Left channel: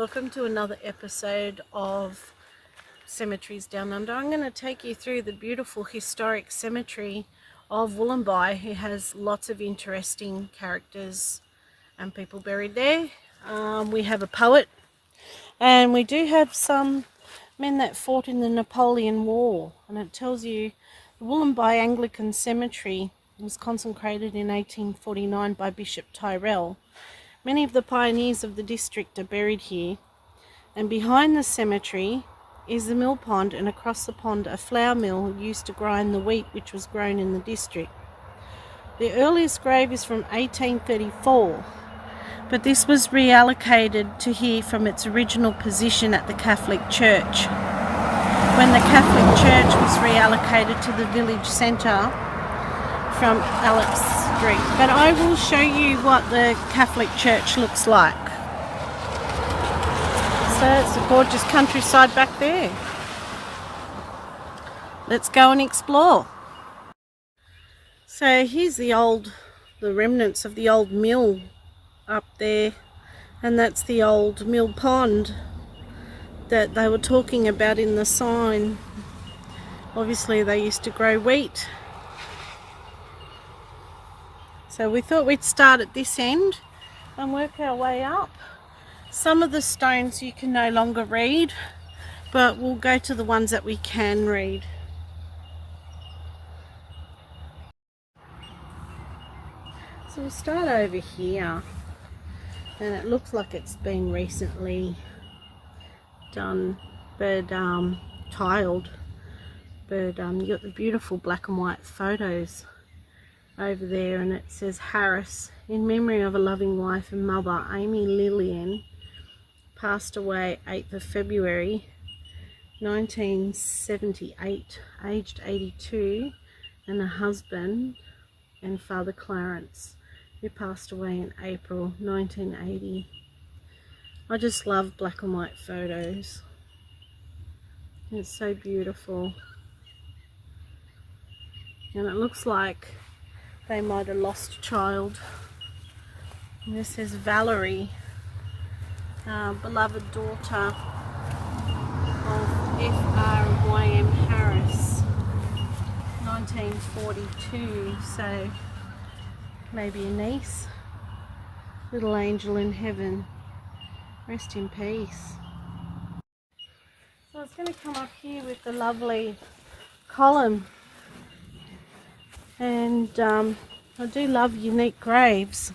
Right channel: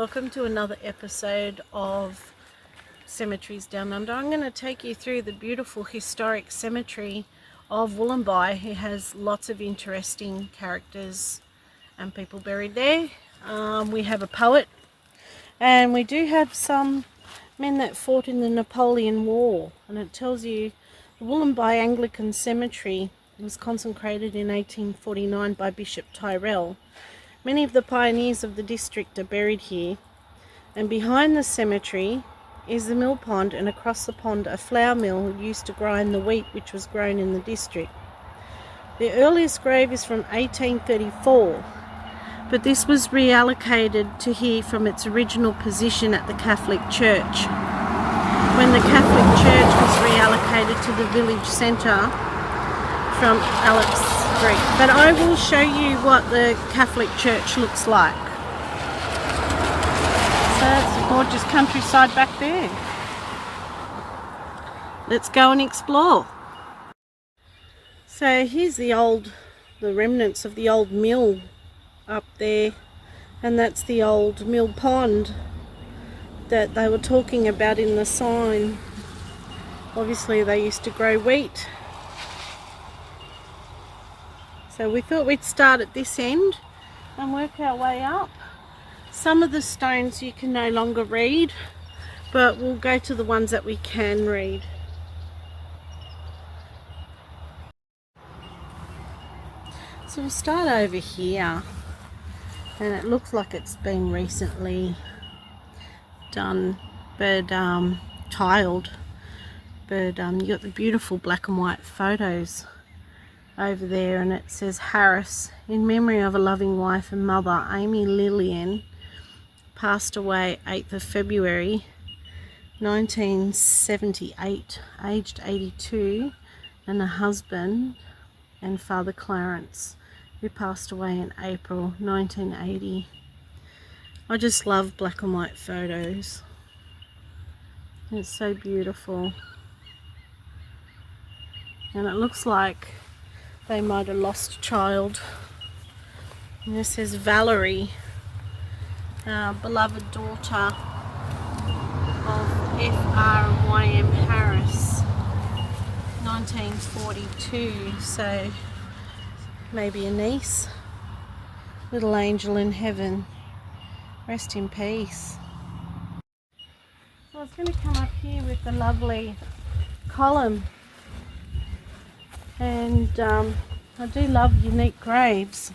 Welcome to another episode of Cemeteries Down Under. I'm going to take you through the beautiful historic cemetery of Wollombi, who has lots of interesting characters and people buried there. We have a poet, and we do have some men that fought in the Napoleon War, and it tells you the Wollombi Anglican Cemetery was consecrated in 1849 by Bishop Tyrrell. Many of the pioneers of the district are buried here, and behind the cemetery is the mill pond, and across the pond a flour mill used to grind the wheat which was grown in the district. The earliest grave is from 1834, but this was reallocated to here from its original position at the Catholic Church. When the Catholic Church was reallocated to the village centre from Alex Street. But I will show you what the Catholic Church looks like. So it's a gorgeous countryside back there. Let's go and explore. So here's the remnants of the old mill up there, and that's the old mill pond that they were talking about in the sign. Obviously they used to grow wheat. So we thought we'd start at this end and work our way up. Some of the stones you can no longer read, but we'll go to the ones that we can read. So we'll start over here, and it looks like it's been recently done, but tiled. But you got the beautiful black and white photos over there, and it says Harris, in memory of a loving wife and mother, Amy Lillian, passed away 8th of February 1978, aged 82, and a husband and Father Clarence, who passed away in April 1980. I just love black and white photos. It's so beautiful. And it looks like they might have lost a child. And this says Valerie, beloved daughter of F.R. and Y.M. Harris, 1942. So maybe a niece. Little angel in heaven. Rest in peace. So I was going to come up here with the lovely column. And I do love unique graves.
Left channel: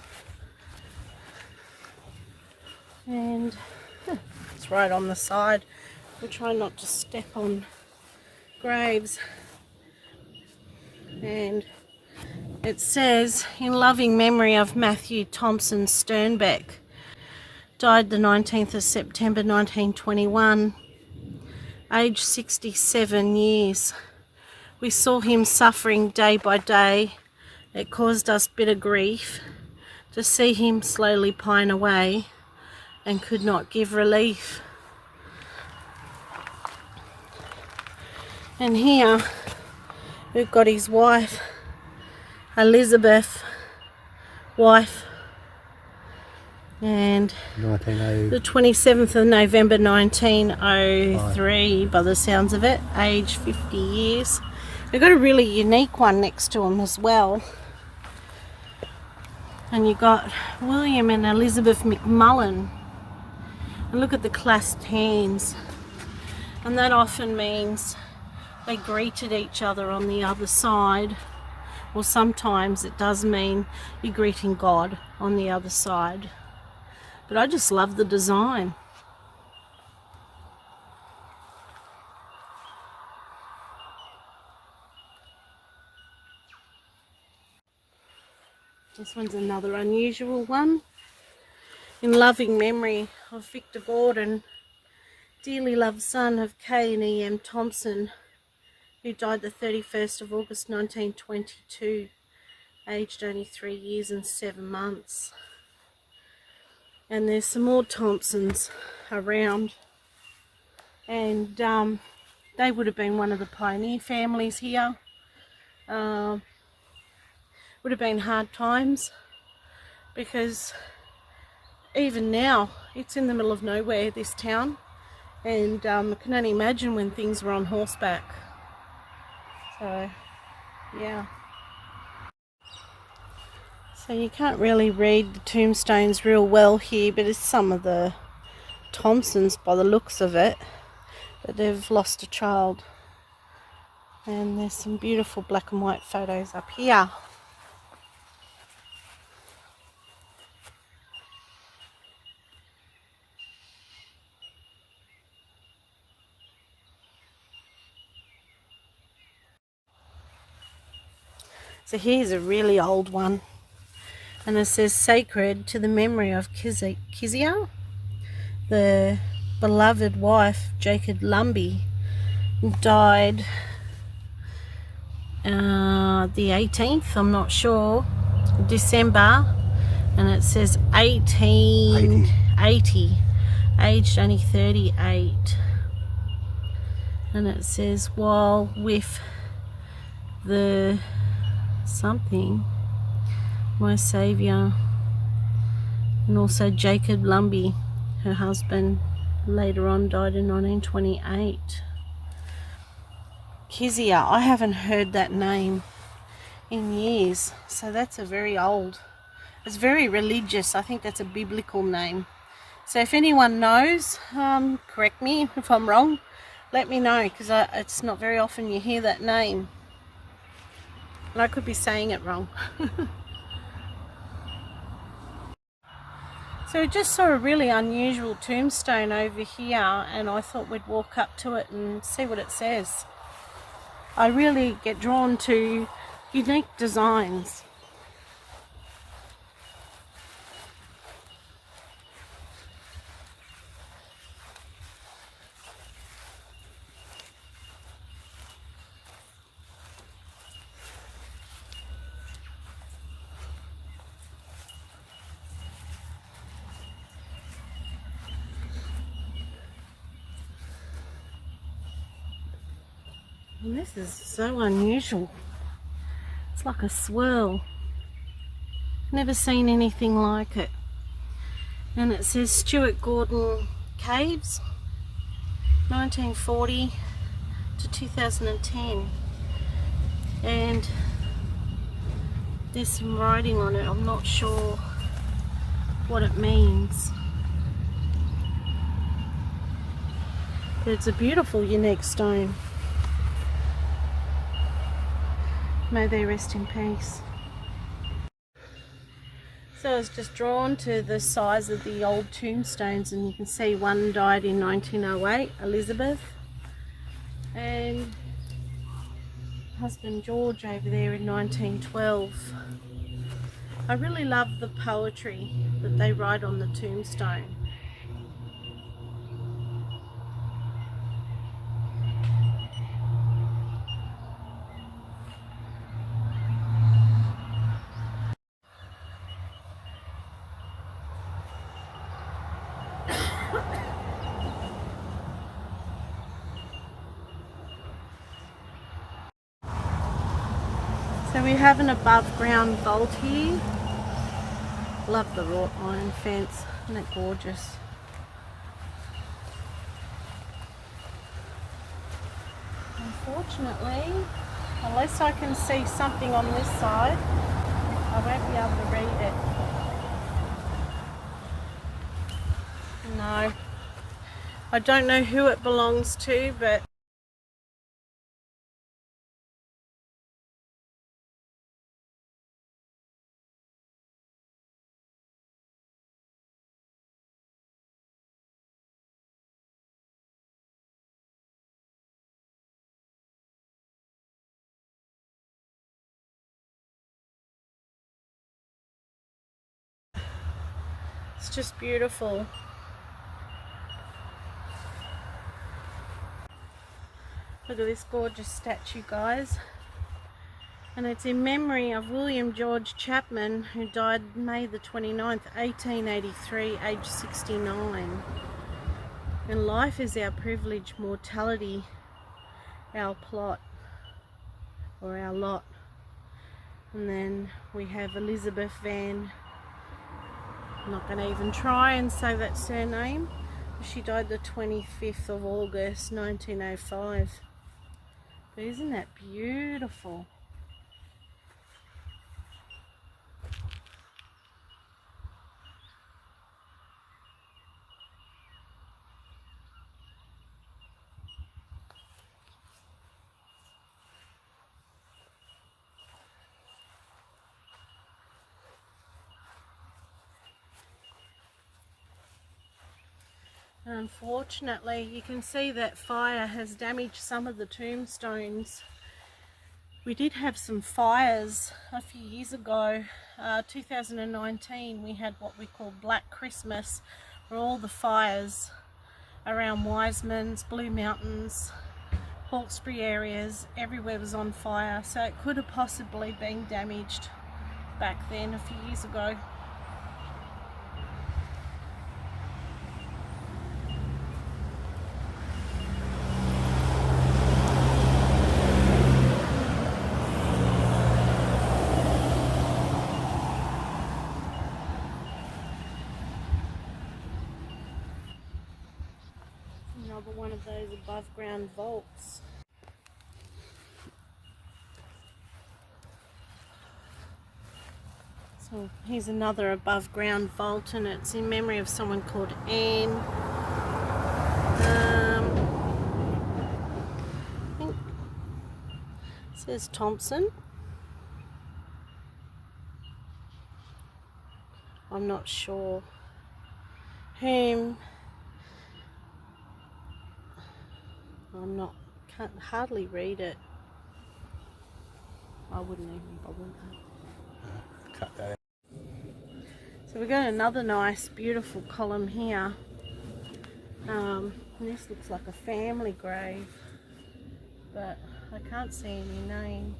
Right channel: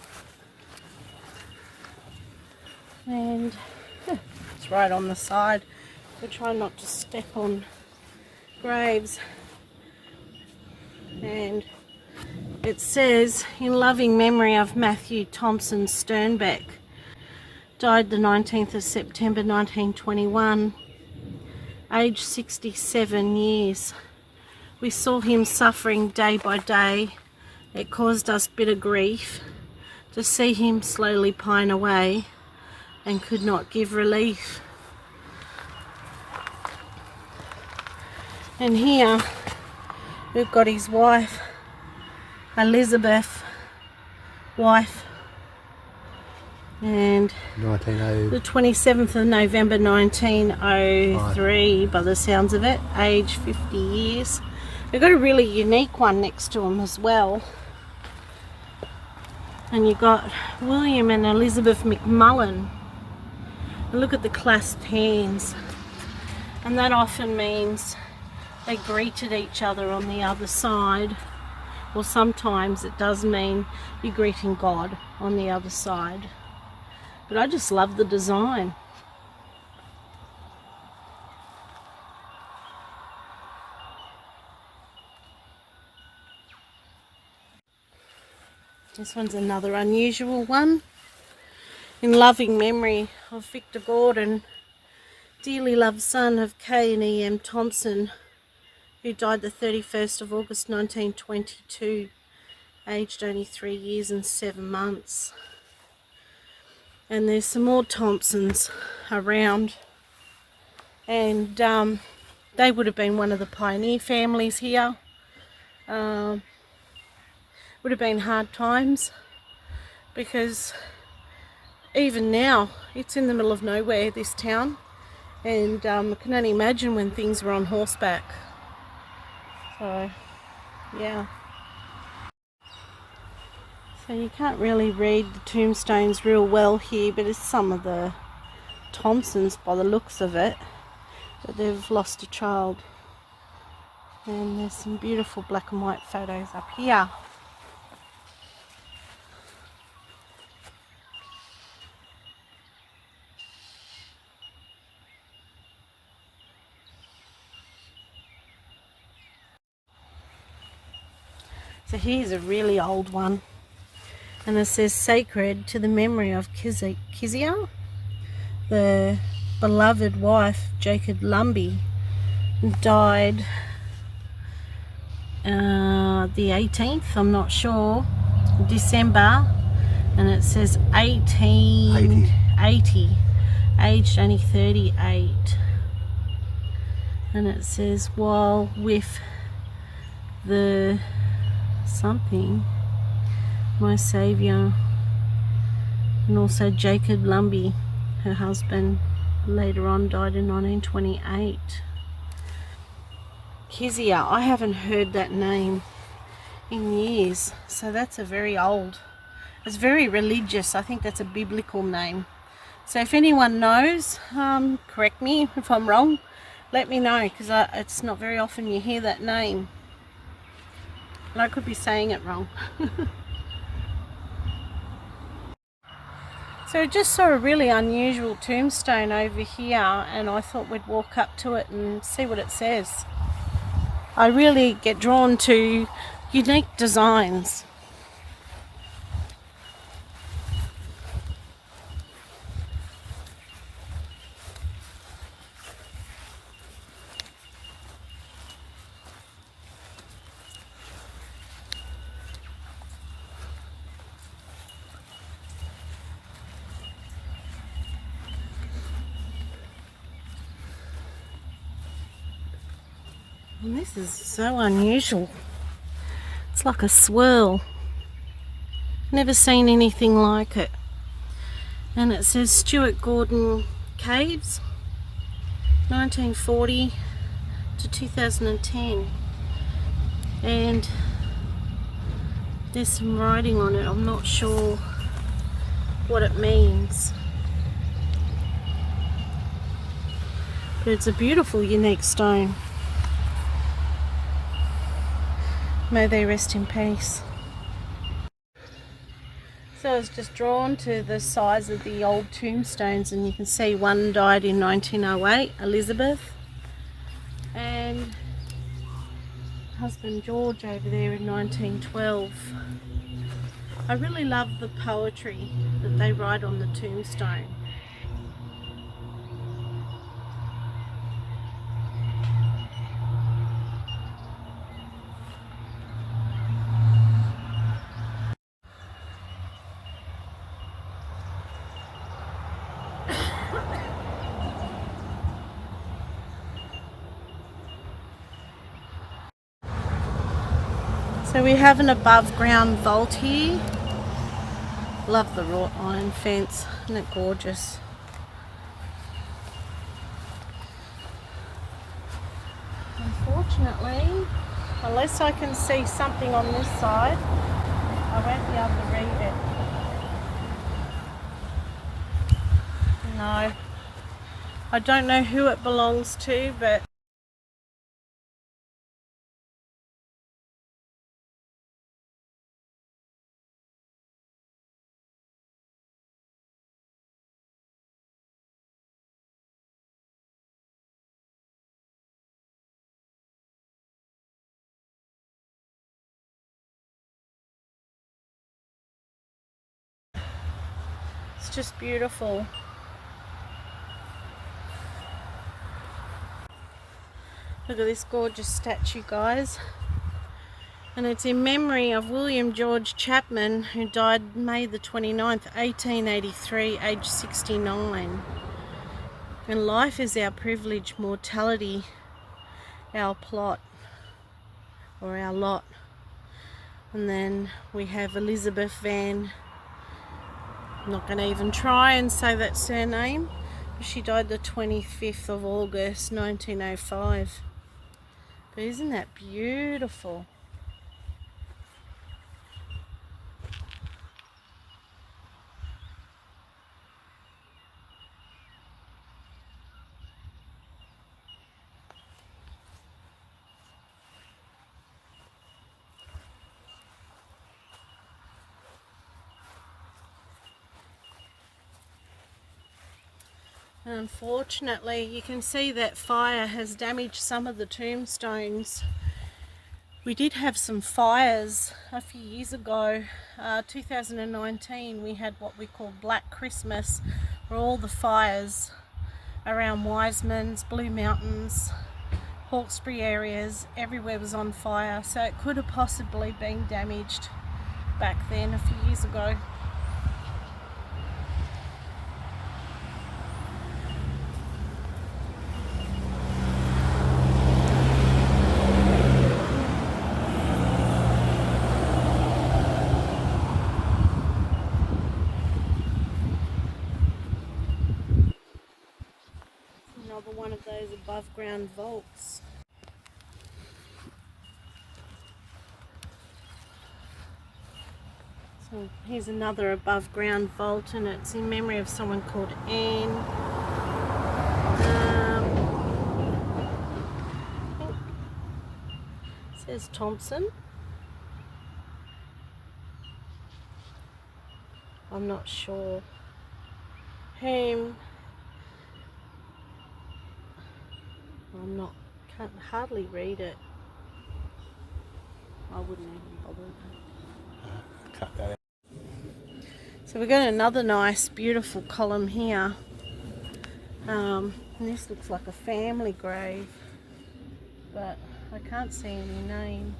And it's right on the side. We try not to step on graves. And it says, in loving memory of Matthew Thompson Sternbeck, died the 19th of September 1921, aged 67 years. We saw him suffering day by day. It caused us bitter grief to see him slowly pine away, and could not give relief. And here we've got his wife, Elizabeth, and 1900. the 27th of November 1903, by the sounds of it, age 50 years. They've got a really unique one next to him as well. And you've got William and Elizabeth McMullen. And look at the clasped hands. And that often means they greeted each other on the other side. Or sometimes it does mean you're greeting God on the other side. But I just love the design. This one's another unusual one. In loving memory of Victor Gordon, dearly loved son of K and E.M. Thompson, who died the 31st of August 1922, aged only 3 years and 7 months. And there's some more Thompsons around, and they would have been one of the pioneer families here. Would have been hard times, because even now, it's in the middle of nowhere, this town, and I can only imagine when things were on horseback. So, yeah. So you can't really read the tombstones real well here, but it's some of the Thompsons by the looks of it, that they've lost a child. And there's some beautiful black and white photos up here. So here's a really old one, and it says sacred to the memory of Kezia, the beloved wife, Jacob Lumby, died the 18th, I'm not sure, December, and it says 1880, aged only 38, and it says while with the something, my saviour, and also Jacob Lumby, her husband, later on died in 1928. Kezia, I haven't heard that name in years, so that's a very old, it's very religious. I think that's a biblical name. So if anyone knows, correct me if I'm wrong, let me know, because it's not very often you hear that name, and I could be saying it wrong. So I just saw a really unusual tombstone over here, and I thought we'd walk up to it and see what it says. I really get drawn to unique designs. And this is so unusual. It's like a swirl. Never seen anything like it. And it says Stuart Gordon Caves, 1940 to 2010. And there's some writing on it. I'm not sure what it means. But it's a beautiful, unique stone. May they rest in peace. So I was just drawn to the size of the old tombstones, and you can see one died in 1908, Elizabeth, and husband George over there in 1912. I really love the poetry that they write on the tombstone. So we have an above ground vault here. Love the wrought iron fence, isn't it gorgeous? Unfortunately, unless I can see something on this side, I won't be able to read it. No. I don't know who it belongs to, but it's just beautiful. Look at this gorgeous statue, guys. And it's in memory of William George Chapman, who died May the 29th, 1883, aged 69. And life is our privilege, mortality our plot, or our lot. And then we have Elizabeth Van I'm not going to even try and say that surname. She died the 25th of August 1905. But isn't that beautiful? And unfortunately, you can see that fire has damaged some of the tombstones. We did have some fires a few years ago. 2019, we had what we call Black Christmas, where all the fires around Wiseman's, Blue Mountains, Hawkesbury areas, everywhere was on fire. So it could have possibly been damaged back then a few years ago. Another one of those above ground vaults. So here's another above ground vault, and it's in memory of someone called Anne. I think it says Thompson. I'm not sure. Whom can't hardly read it. I wouldn't even bother. Cut that out. So we've got another nice beautiful column here. And this looks like a family grave, but I can't see any name.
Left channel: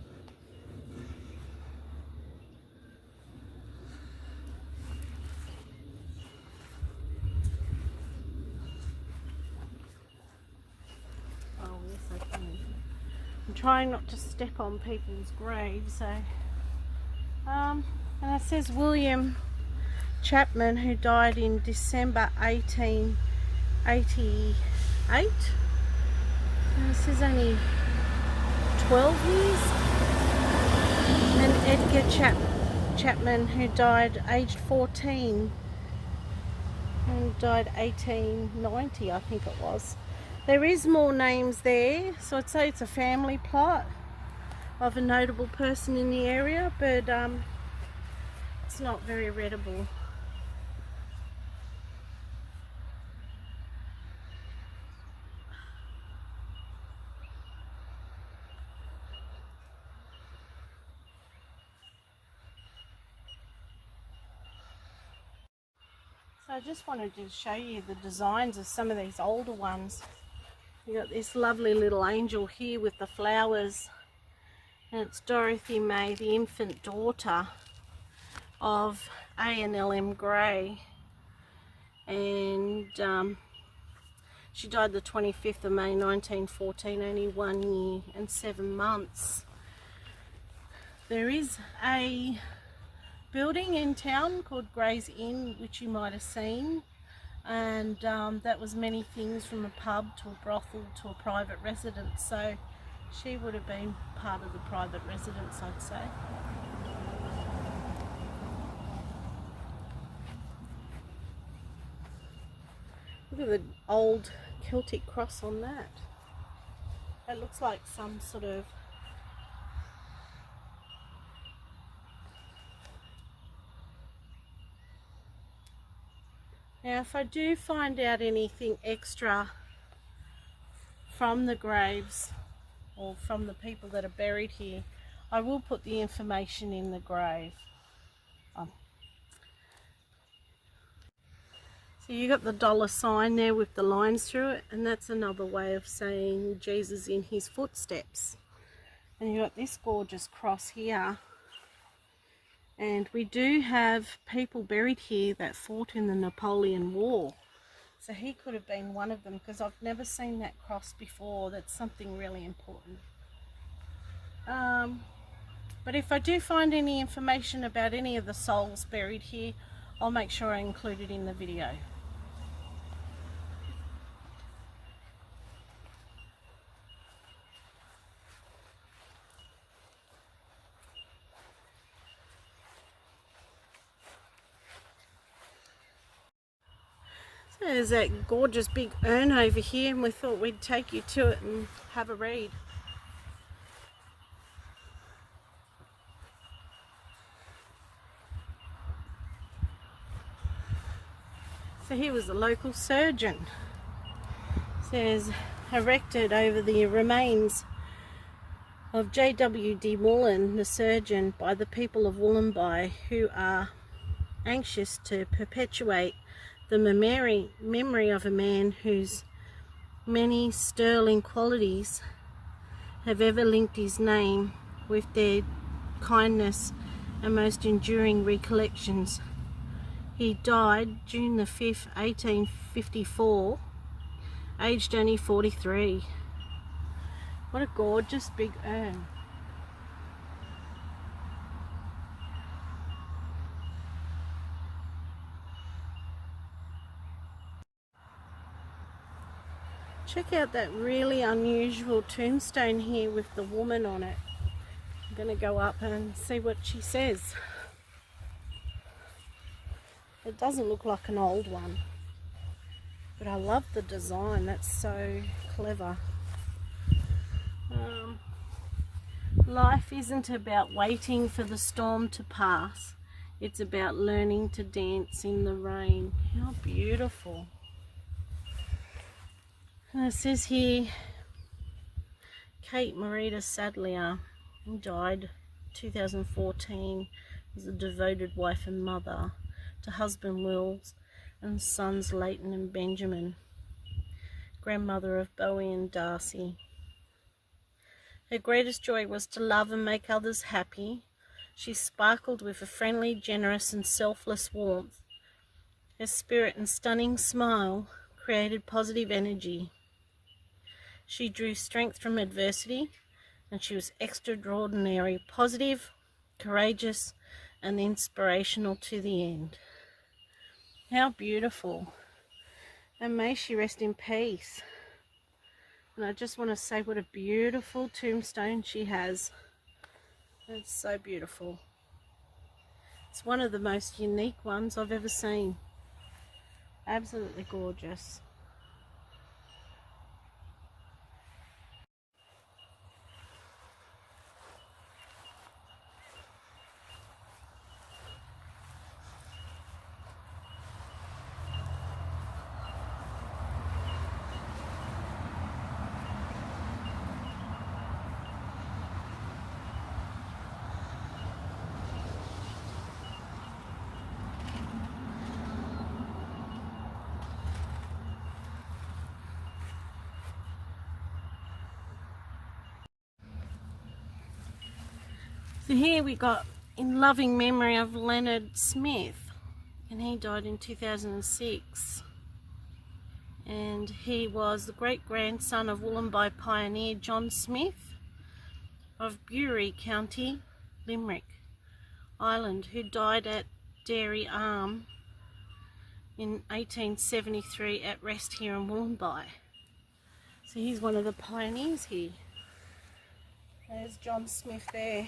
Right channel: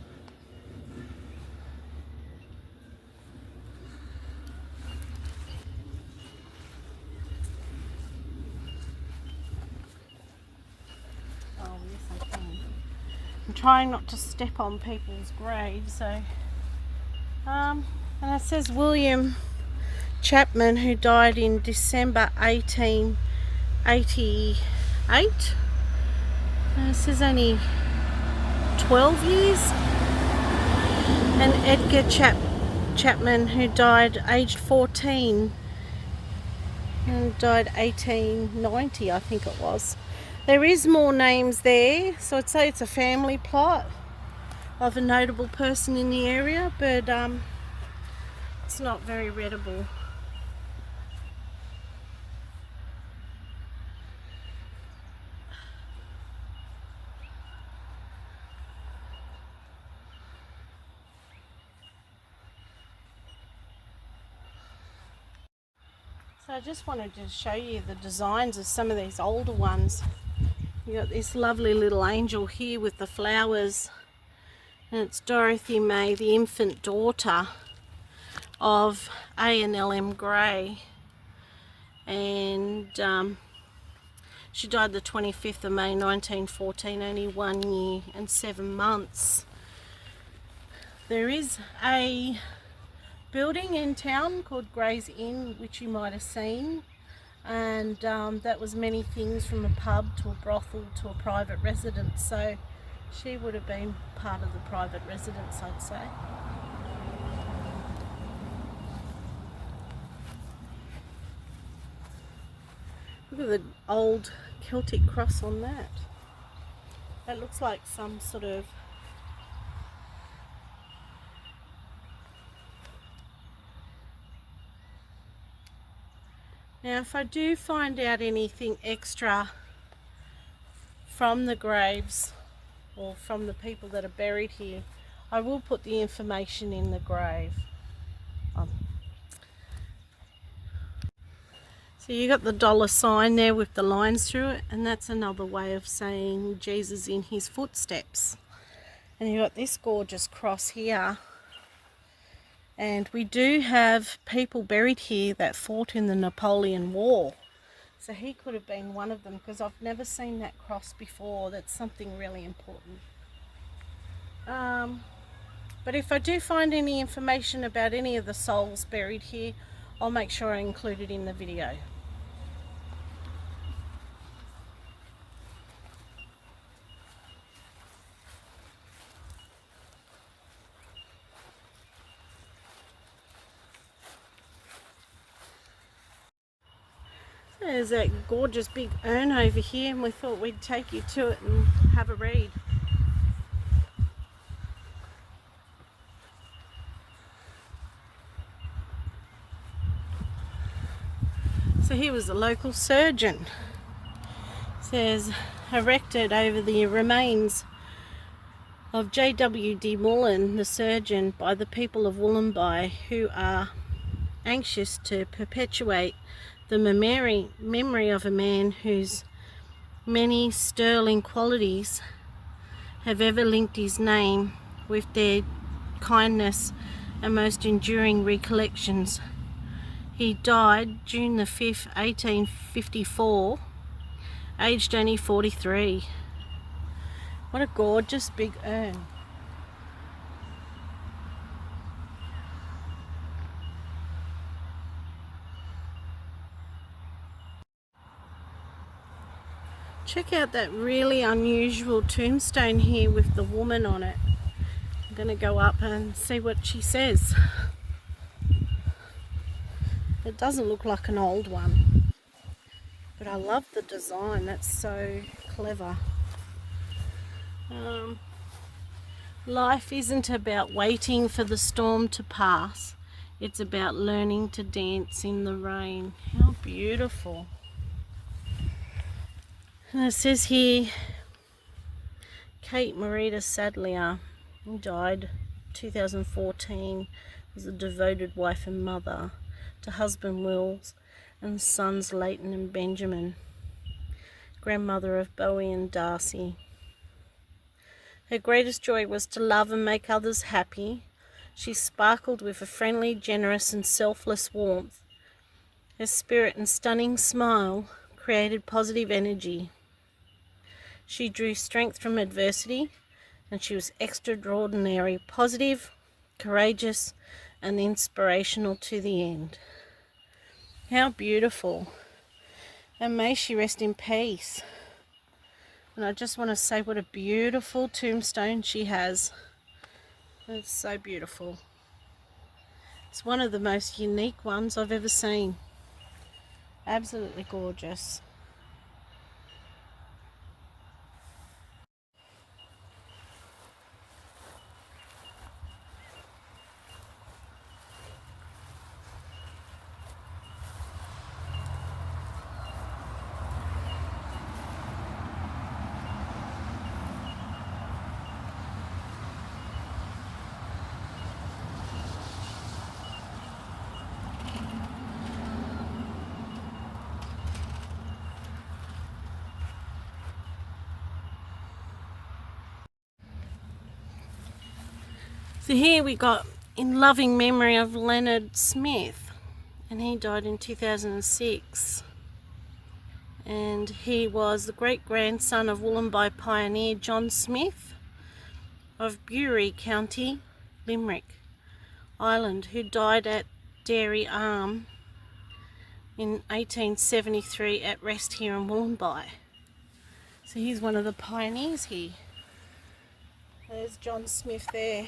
Oh yes, I can. I'm trying not to step on people's graves, so and it says William Chapman, who died in December 1888. And it says only 12 years. And Edgar Chapman, who died aged 14 and died 1890, I think it was. There is more names there, so I'd say it's a family plot of a notable person in the area, but it's not very readable. So I just wanted to show you the designs of some of these older ones. You got this lovely little angel here with the flowers, and it's Dorothy May, the infant daughter of A and L.M. Gray, and she died the 25th of May 1914, only 1 year and 7 months. There is a building in town called Gray's Inn, which you might have seen, and that was many things, from a pub to a brothel to a private residence, so she would have been part of the private residence, I'd say. Look at the old Celtic cross on that. That looks like some sort of Now, if I do find out anything extra from the graves or from the people that are buried here, I will put the information in the grave. So you got the dollar sign there with the lines through it, and that's another way of saying Jesus in his footsteps. And you got this gorgeous cross here. And we do have people buried here that fought in the Napoleon War. So he could have been one of them, because I've never seen that cross before. That's something really important. But if I do find any information about any of the souls buried here, I'll make sure I include it in the video. There's that gorgeous big urn over here, and we thought we'd take you to it and have a read. So here was the local surgeon. It says erected over the remains of J.W.D. Mullen, the surgeon, by the people of Wollombi, who are anxious to perpetuate the memory of a man whose many sterling qualities have ever linked his name with their kindness and most enduring recollections. He died June the 5th, 1854, aged only 43. What a gorgeous big urn. Check out that really unusual tombstone here with the woman on it. I'm going to go up and see what she says. It doesn't look like an old one, but I love the design. That's so clever. Life isn't about waiting for the storm to pass. It's about learning to dance in the rain. How beautiful. And it says here, Kate Marita Sadlier, who died 2014, was a devoted wife and mother to husband Wills and sons Leighton and Benjamin, grandmother of Bowie and Darcy. Her greatest joy was to love and make others happy. She sparkled with a friendly, generous and selfless warmth. Her spirit and stunning smile created positive energy. She drew strength from adversity, and she was extraordinary, positive, courageous, and inspirational to the end. How beautiful. And may she rest in peace. And I just want to say what a beautiful tombstone she has. It's so beautiful. It's one of the most unique ones I've ever seen. Absolutely gorgeous. So here we got in loving memory of Leonard Smith, and he died in 2006. And he was the great-grandson of Wollombi pioneer John Smith of Bury County, Limerick, Ireland, who died at Dairy Arm in 1873 at rest here in Wollombi. So he's one of the pioneers here. There's John Smith there.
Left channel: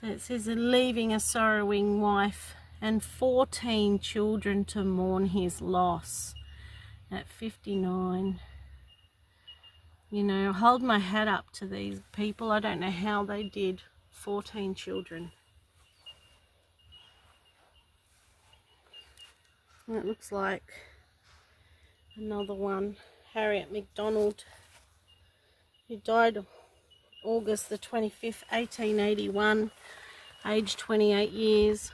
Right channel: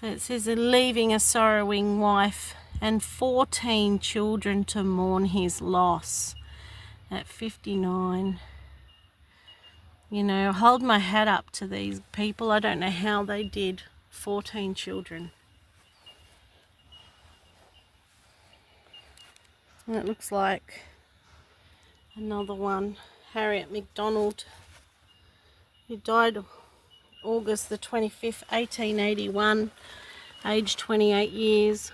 So it says, leaving a sorrowing wife and 14 children to mourn his loss at 59. You know, hold my hat up to these people. I don't know how they did 14 children. And it looks like another one, Harriet MacDonald, who died August the 25th, 1881, aged 28 years.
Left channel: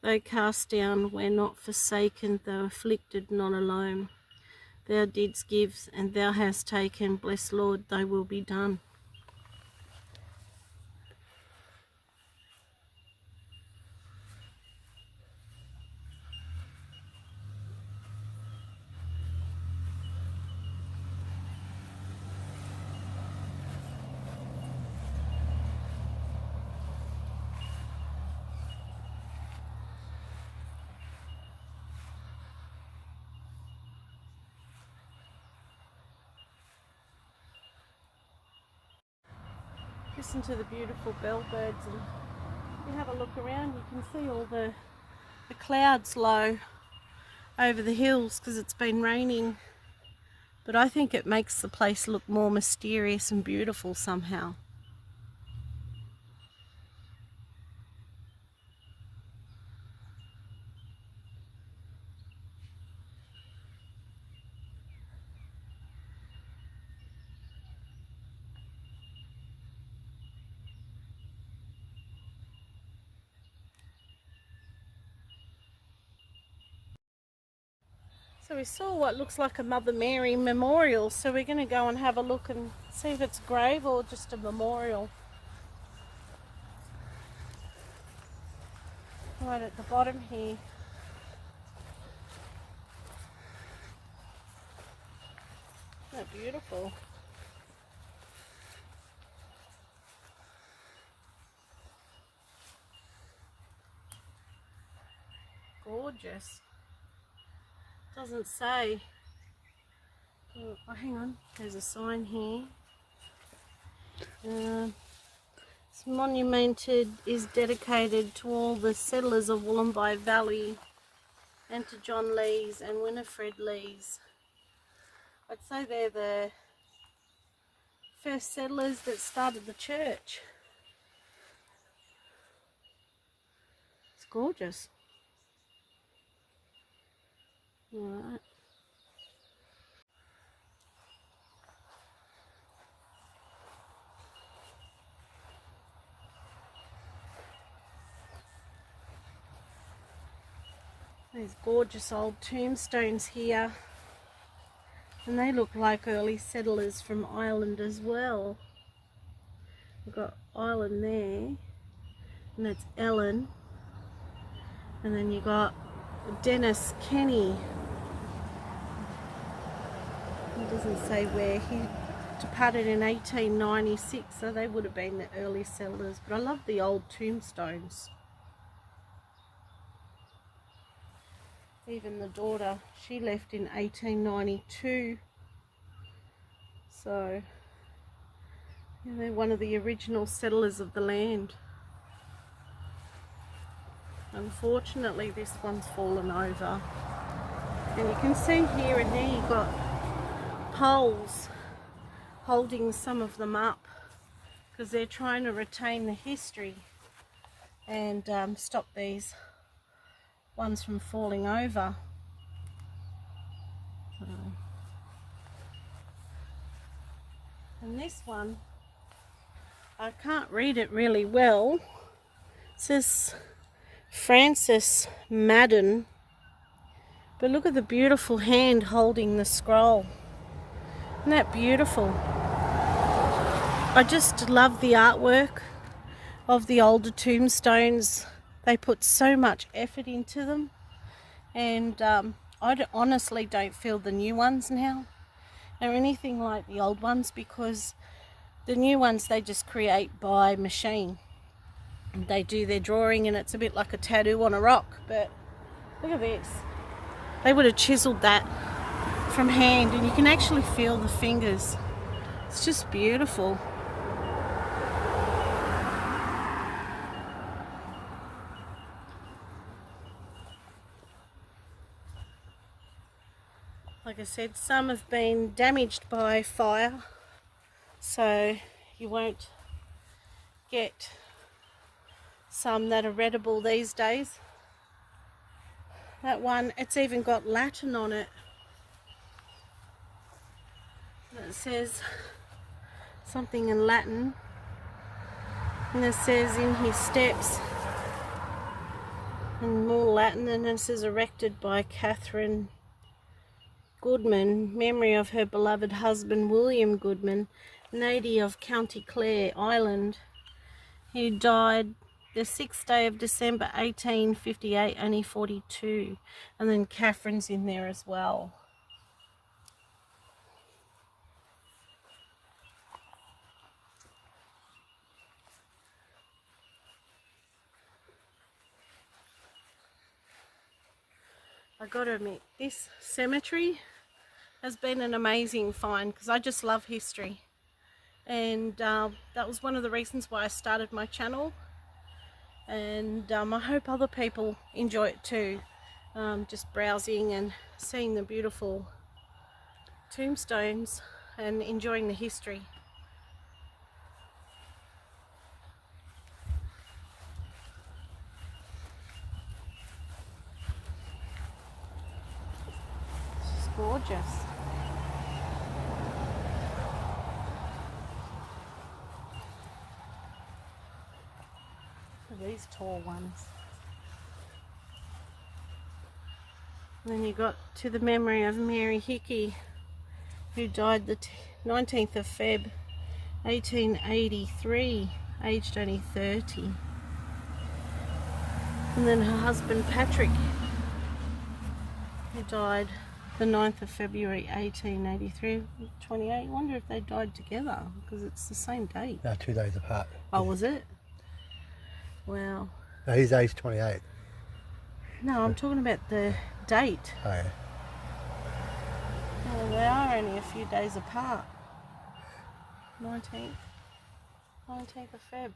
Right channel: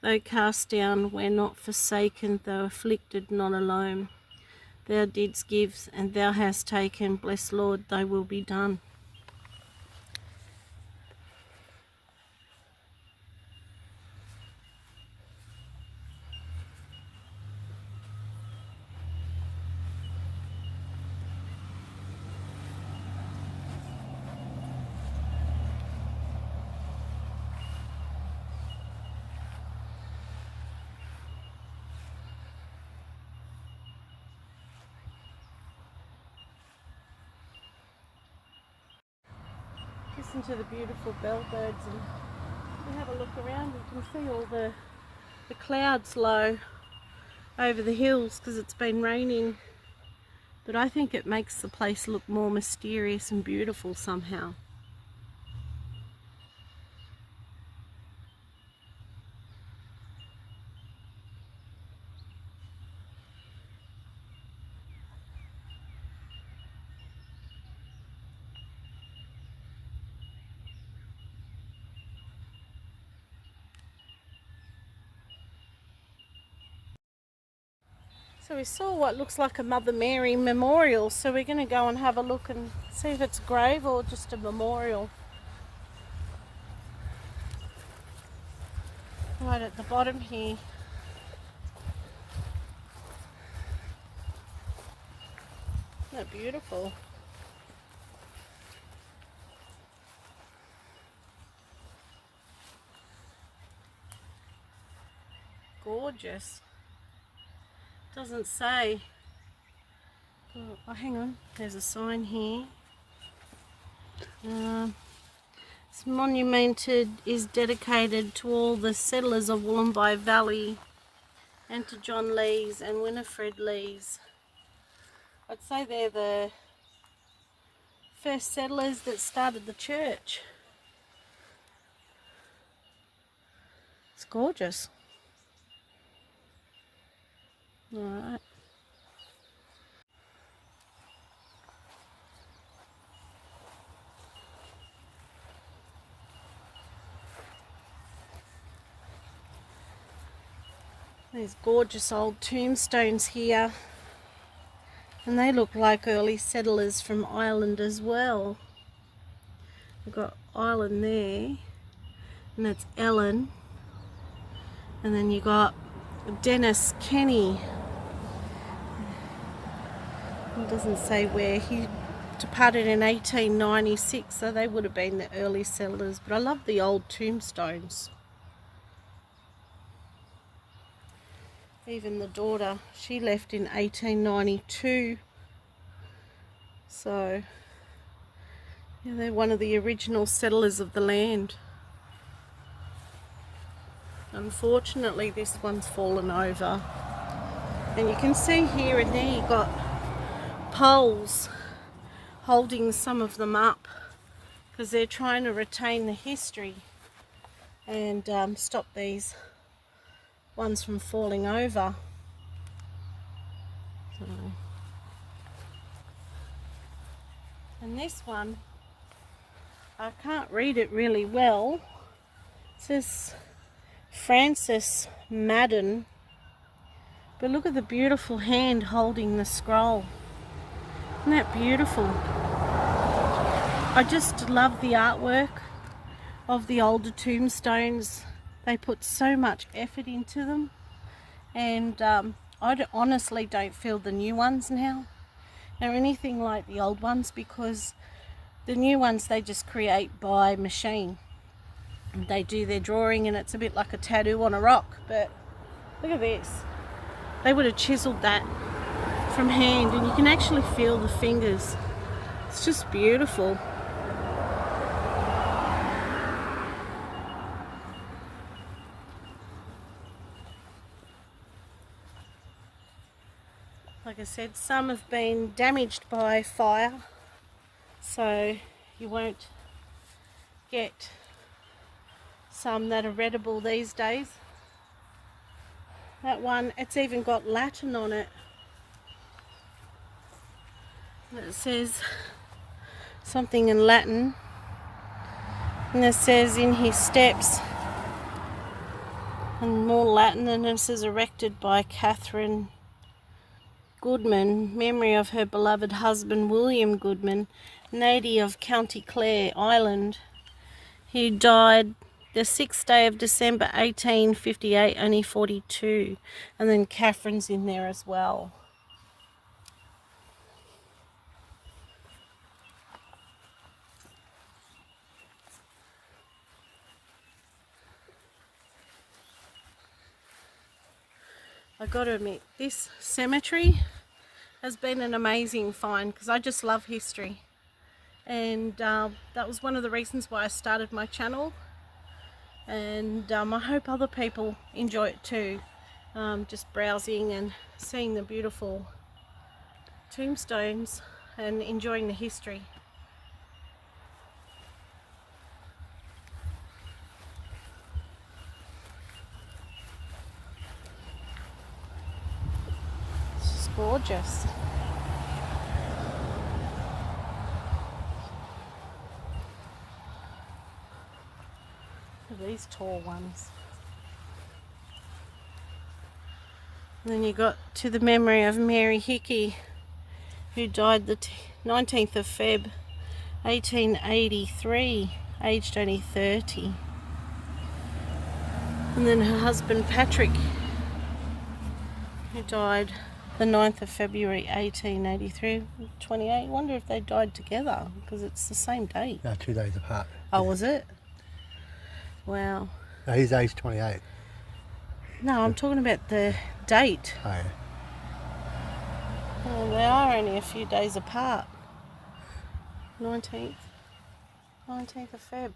Though cast down, we're not forsaken, though afflicted, not alone. Thou didst give, and thou hast taken. Bless Lord, thy will be done. Listen to the beautiful bellbirds, and if you have a look around, you can see all the clouds low over the hills because it's been raining. But I think it makes the place look more mysterious and beautiful somehow. So we saw what looks like a Mother Mary memorial, so we're going to go and have a look and see if it's a grave or just a memorial. Right at the bottom here. Isn't that beautiful? Gorgeous. Doesn't say. Oh, hang on. There's a sign here. It's monumented, is dedicated to all the settlers of Wollombi Valley and to John Lees and Winifred Lees. I'd say they're the first settlers that started the church. It's gorgeous. Alright. There's gorgeous old tombstones here, and they look like early settlers from Ireland as well. We've got Ireland there, and that's Ellen, and then you got Dennis Kenny. He doesn't say where. He departed in 1896, so they would have been the early settlers. But I love the old tombstones. Even the daughter, she left in 1892. So, yeah, they're one of the original settlers of the land. Unfortunately, this one's fallen over. And you can see here and there you've got poles holding some of them up because they're trying to retain the history and stop these ones from falling over. So. And this one, I can't read it really well. It says Francis Madden, but look at the beautiful hand holding the scroll. Isn't that beautiful? I just love the artwork of the older tombstones. They put so much effort into them, and I honestly don't feel the new ones now are anything like the old ones, because the new ones they just create by machine. They do their drawing and it's a bit like a tattoo on a rock, but look at this. They would have chiseled that from hand, and you can actually feel the fingers. It's just beautiful. Like I said, some have been damaged by fire, so you won't get some that are readable these days. That one, it's even got Latin on it. And it says something in Latin. And it says in his steps, and more Latin, and it says erected by Catherine Goodman, memory of her beloved husband William Goodman, native of County Clare, Ireland. He died the 6th day of December 1858, only 42. And then Catherine's in there as well. I've got to admit, this cemetery has been an amazing find because I just love history. and that was one of the reasons why I started my channel, and I hope other people enjoy it too, just browsing and seeing the beautiful tombstones and enjoying the history. It's just gorgeous. Look at these tall ones. And then you got to the memory of Mary Hickey, who died the 19th of Feb 1883, aged only 30. And then her husband Patrick, who died the 9th of February 1883, 28. I wonder if they died together, because it's the same date. No, 2 days apart. Oh, was it? Wow. No, he's aged 28. No, I'm talking about the date. Oh, yeah. Well, they are only a few days apart. 19th of Feb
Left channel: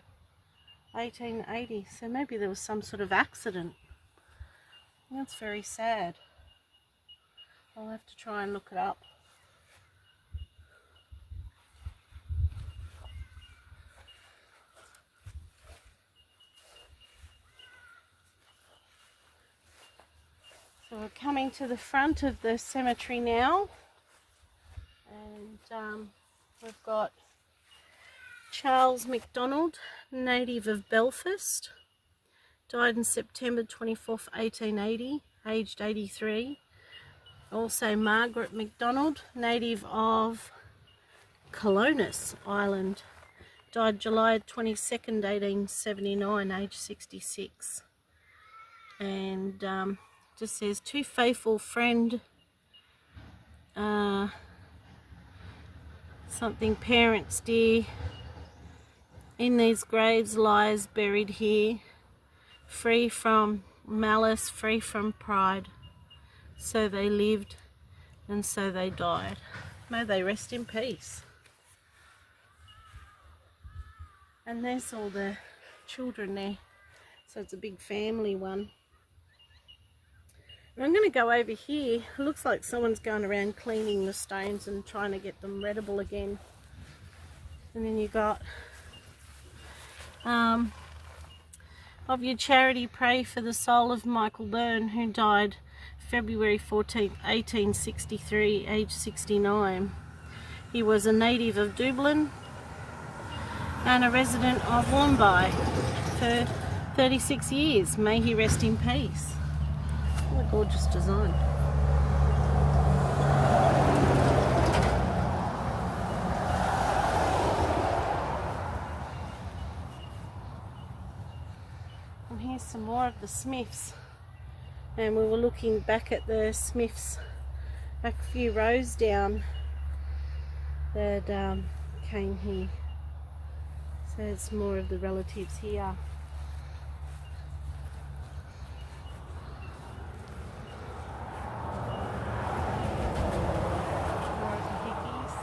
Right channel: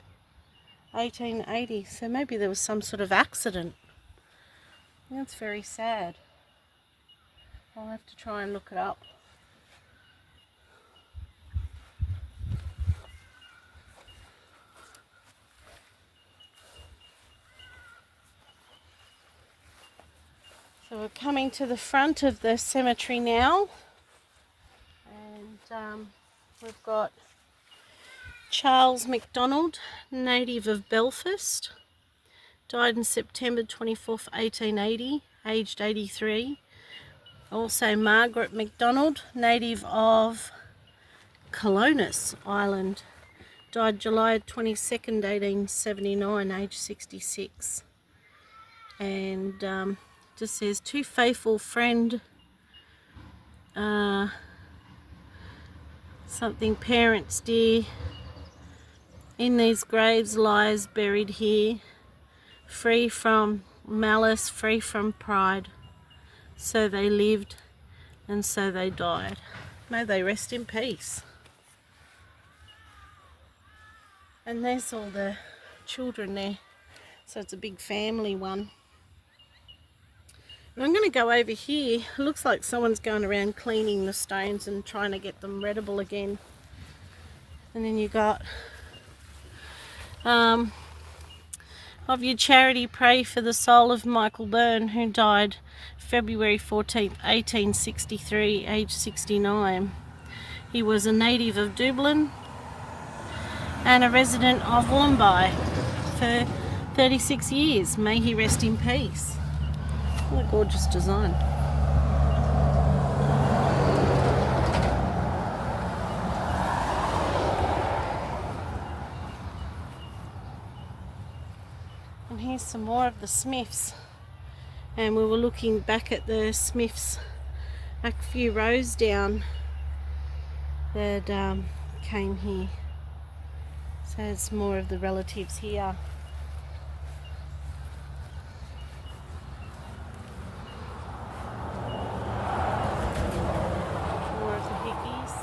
1880. So maybe there was some sort of accident. That's very sad. I'll have to try and look it up. So we're coming to the front of the cemetery now, and we've got Charles MacDonald, native of Belfast, died on September 24th, 1880, aged 83. Also Margaret MacDonald, native of Colonus Island, died July 22nd, 1879, aged 66. And just says, to faithful friend, something parents dear, in these graves lies buried here, free from malice, free from pride. So they lived and so they died. May they rest in peace. And there's all the children there. So it's a big family one. And I'm going to go over here. It looks like someone's going around cleaning the stones and trying to get them readable again. And then you got of your charity, pray for the soul of Michael Byrne, who died February 14th, 1863, aged 69. He was a native of Dublin and a resident of Wollombi for 36 years. May he rest in peace. What a gorgeous design. And here's some more of the Smiths. And we were looking back at the Smiths a few rows down that came here. So there's more of the relatives here. More of the Hickeys.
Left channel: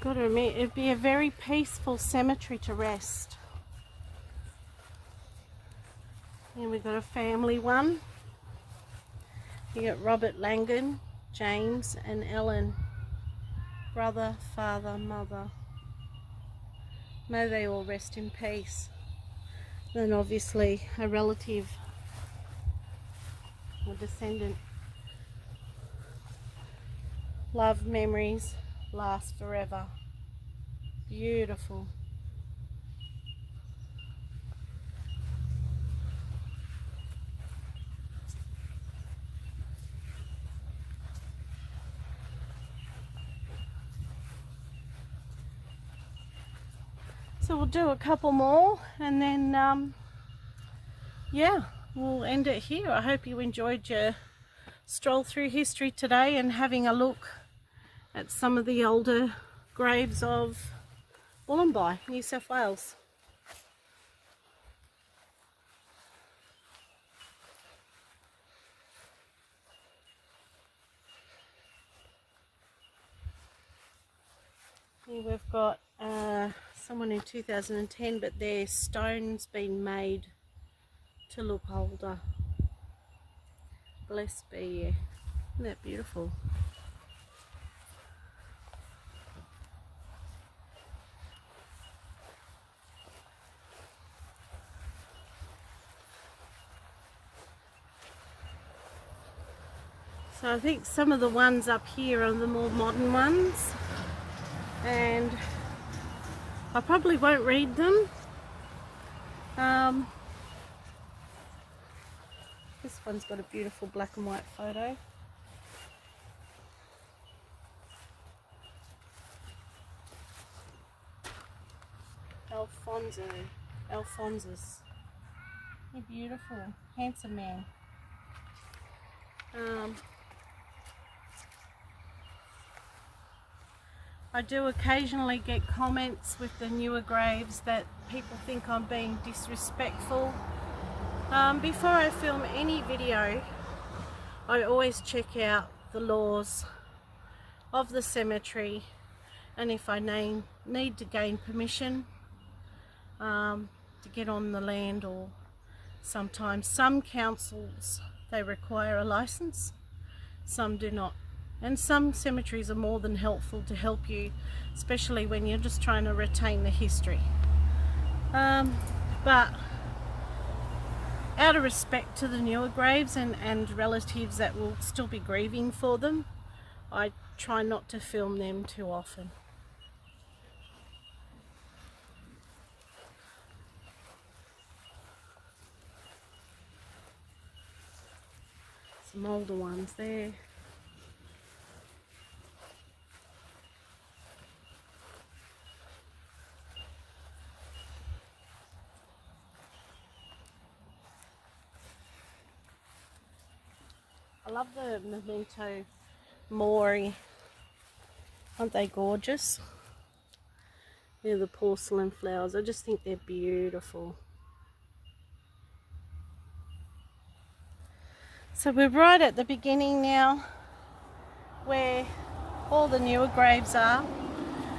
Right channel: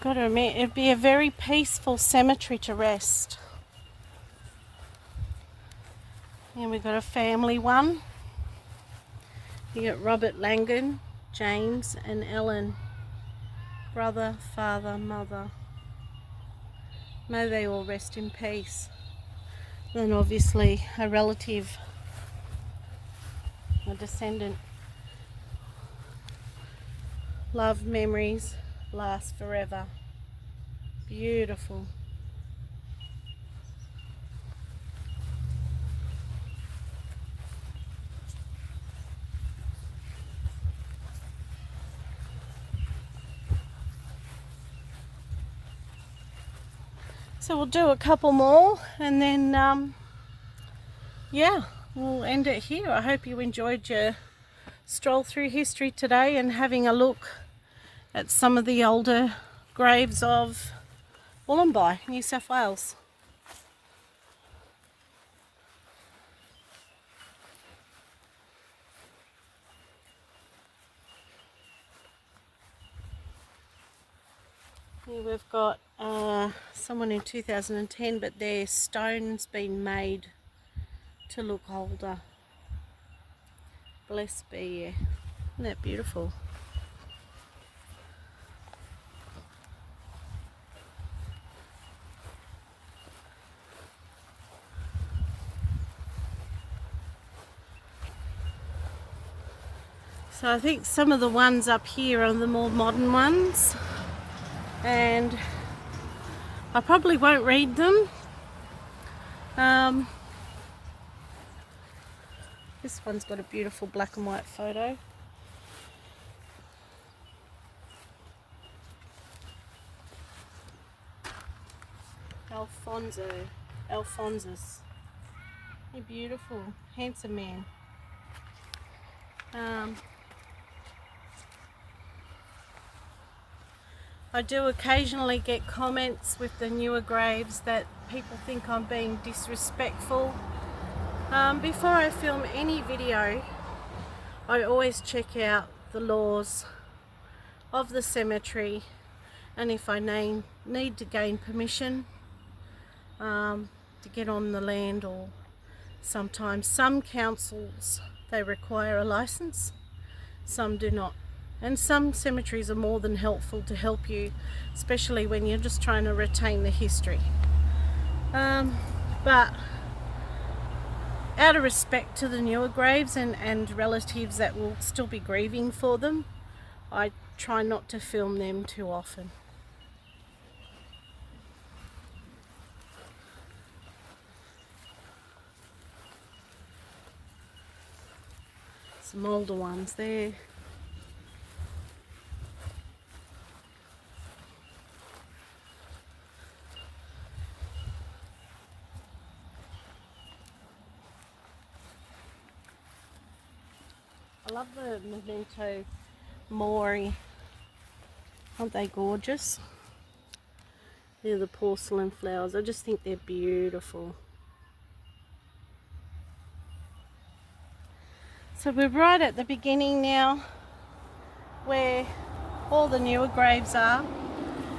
Got to admit, it'd be a very peaceful cemetery to rest. And we've got a family one. You got Robert Langan, James and Ellen, brother, father, mother. May they all rest in peace. Then obviously a relative, a descendant. Love, memories last forever. Beautiful. So we'll do a couple more and then yeah, we'll end it here. I hope you enjoyed your stroll through history today and having a look at some of the older graves of Wollombi, New South Wales. Here we've got someone in 2010, but their stone's been made to look older. Blessed be you. Isn't that beautiful? So I think some of the ones up here are the more modern ones, and I probably won't read them. This one's got a beautiful black and white photo. Alphonsus. You're beautiful, handsome man. I do occasionally get comments with the newer graves that people think I'm being disrespectful. Before I film any video, I always check out the laws of the cemetery, and if I need to gain permission to get on the land, or sometimes some councils, they require a license, some do not. And some cemeteries are more than helpful to help you, especially when you're just trying to retain the history. But out of respect to the newer graves and relatives that will still be grieving for them, I try not to film them too often. Some older ones there. I love the memento mori. Aren't they gorgeous? They're the porcelain flowers. I just think they're beautiful. So we're right at the beginning now, where all the newer graves are.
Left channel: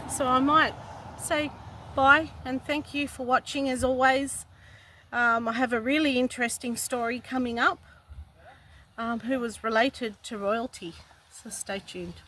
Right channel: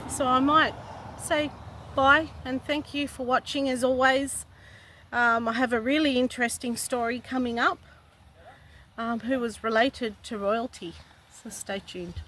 So I might say bye and thank you for watching as always. I have a really interesting story coming up, who was related to royalty, so stay tuned.